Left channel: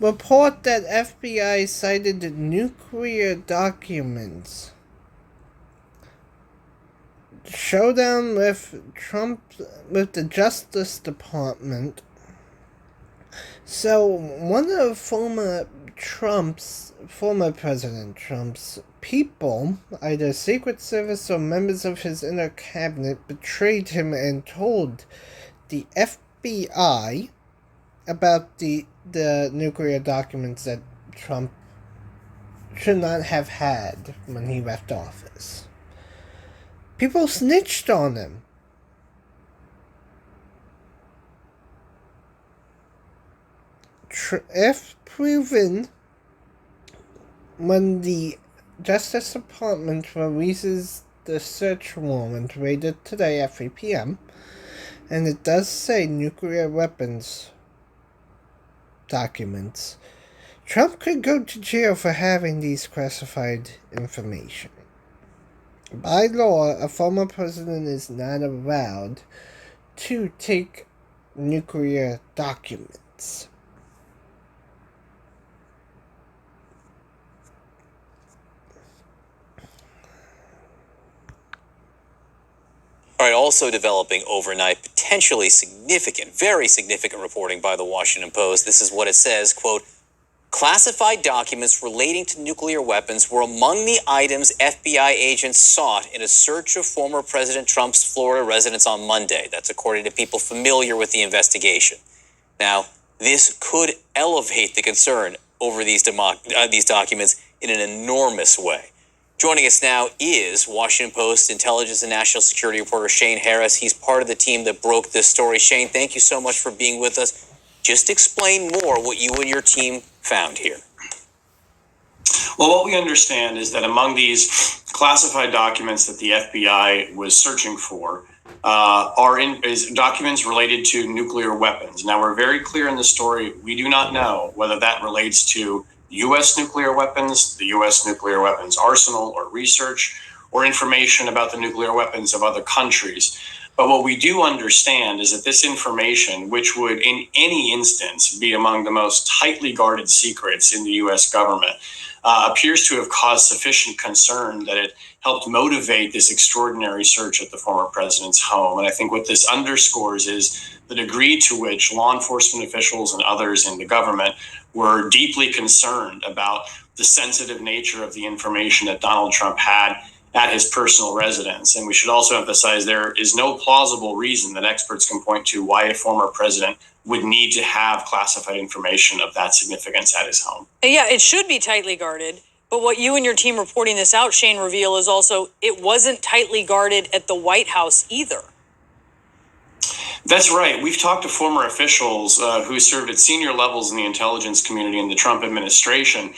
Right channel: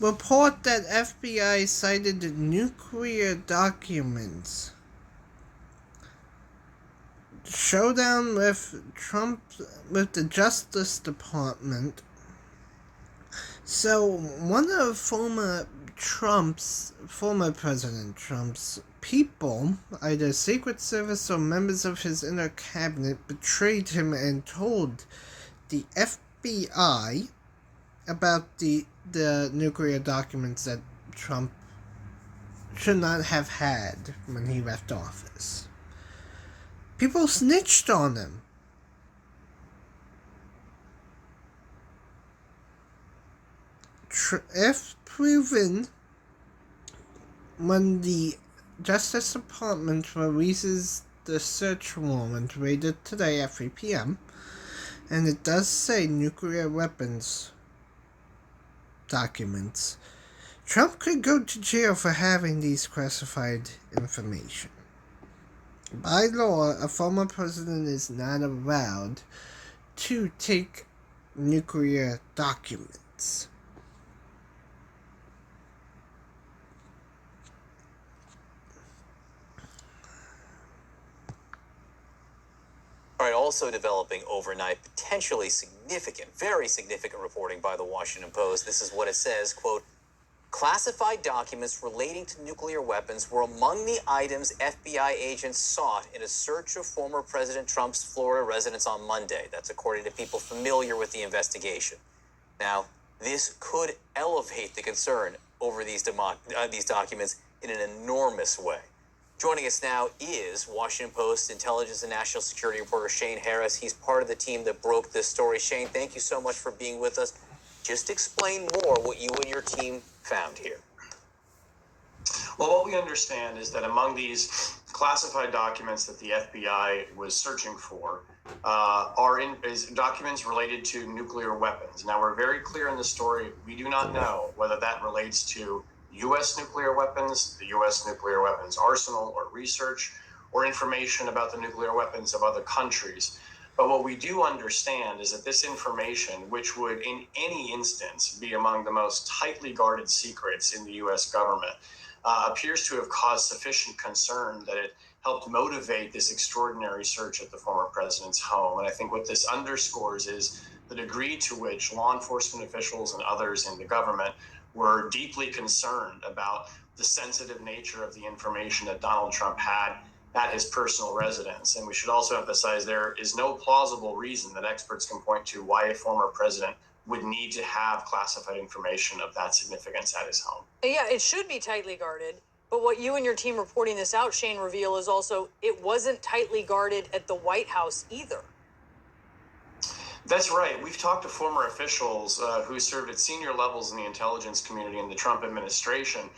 report that FBI cited nuclear documents. Showdown with the Justice Department. So one of former President Trump's people, either Secret Service or members of his inner cabinet, betrayed him and told the FBI about the nuclear documents that Trump should not have had when he left office. People snitched on him. If proven, when the Justice Department releases the search warrant rated today at 3 p.m., and it does say nuclear weapons documents, Trump could go to jail for having these classified information. By law, a former president is not allowed to take nuclear documents. All right, also developing overnight, potentially significant, very significant reporting by the Washington Post. This is what it says, quote, classified documents relating to nuclear weapons were among the items FBI agents sought in a search of former President Trump's Florida residence on Monday. That's according to people familiar with the investigation. Now, this could elevate the concern over these documents in an enormous way. Joining us now is Washington Post intelligence and national security reporter Shane Harris. He's part of the team that broke this story. Shane, thank you so much for being with us. Just explain more what you and your team found here. Well, what we understand is that among these classified documents that the FBI was searching for is documents related to nuclear weapons. Now, we're very clear in the story. We do not know whether that relates to U.S. nuclear weapons, the U.S. nuclear weapons arsenal or research, or information about the nuclear weapons of other countries. But what we do understand is that this information, which would in any instance be among the most tightly guarded secrets in the U.S. government, appears to have caused sufficient concern that it helped motivate this extraordinary search at the former president's home. And I think what this underscores is the degree to which law enforcement officials and others in the government were deeply concerned about the sensitive nature of the information that Donald Trump had at his personal residence. And we should also emphasize there is no plausible reason that experts can point to why a former president would need to have classified information of that significance at his home. Yeah, it should be tightly guarded. But what you and your team reporting this out, Shane, reveal is also it wasn't tightly guarded at the White House either. That's right. We've talked to former officials who served at senior levels in the intelligence community in the Trump administration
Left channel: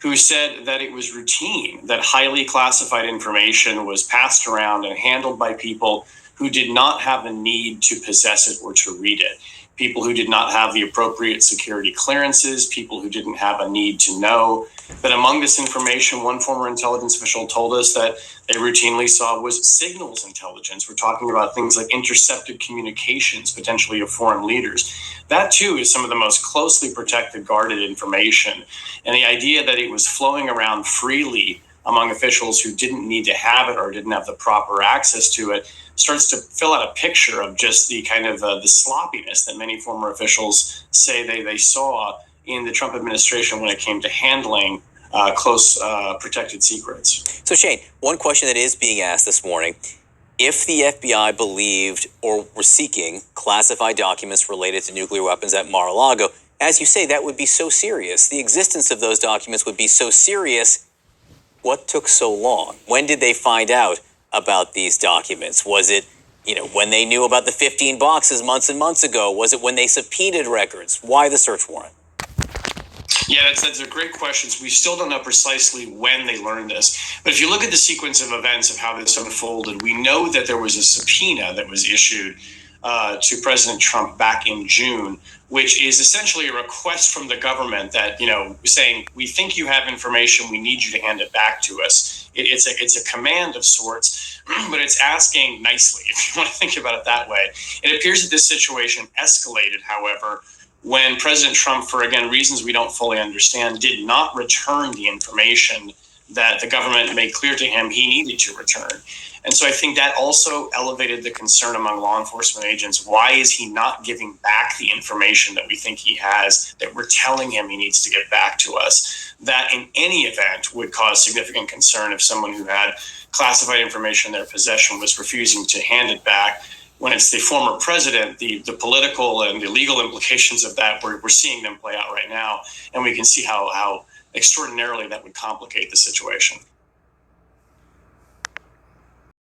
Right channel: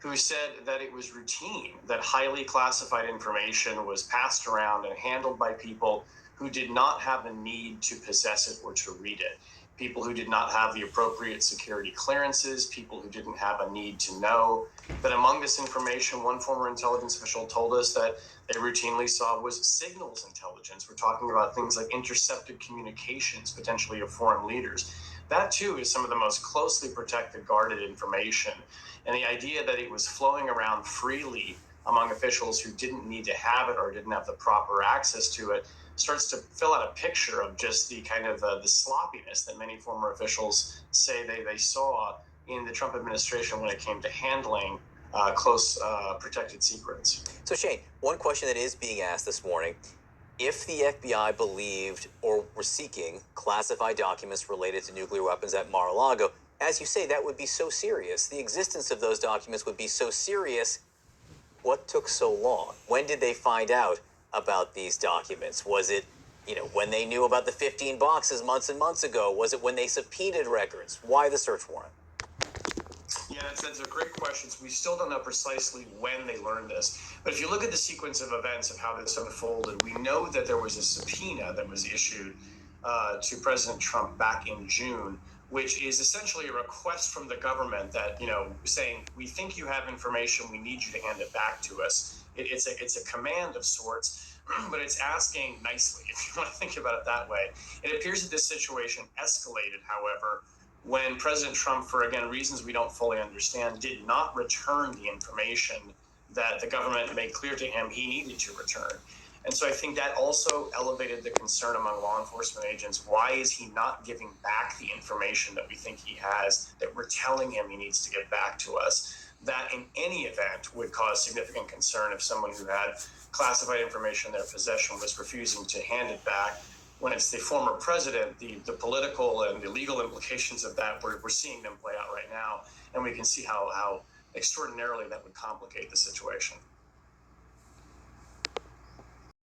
who said that it was routine, that highly classified information was passed around and handled by people who did not have a need to possess it or to read it. People who did not have the appropriate security clearances, people who didn't have a need to know. But among this information, one former intelligence official told us that they routinely saw was signals intelligence. We're talking about things like intercepted communications, potentially of foreign leaders. That, too, is some of the most closely protected, guarded information. And the idea that it was flowing around freely among officials who didn't need to have it or didn't have the proper access to it starts to fill out a picture of just the kind of the sloppiness that many former officials say they saw in the Trump administration when it came to handling close protected secrets. So, Shane, one question that is being asked this morning, if the FBI believed or were seeking classified documents related to nuclear weapons at Mar-a-Lago, as you say, that would be so serious. The existence of those documents would be so serious. What took so long? When did they find out about these documents? Was it, when they knew about the 15 boxes months and months ago? Was it when they subpoenaed records? Why the search warrant? Yeah, that's a great question. We still don't know precisely when they learned this. But if you look at the sequence of events of how this unfolded, we know that there was a subpoena that was issued to President Trump back in June, which is essentially a request from the government that, saying, we think you have information, we need you to hand it back to us. It's a command of sorts, but it's asking nicely, if you want to think about it that way. It appears that this situation escalated, however, when President Trump, for again reasons we don't fully understand, did not return the information that the government made clear to him he needed to return. And so I think that also elevated the concern among law enforcement agents. Why is he not giving back the information that we think he has, that we're telling him he needs to get back to us? That in any event would cause significant concern if someone who had classified information in their possession was refusing to hand it back. When it's the former president, the political and the legal implications of that, we're seeing them play out right now. And we can see how extraordinarily that would complicate the situation.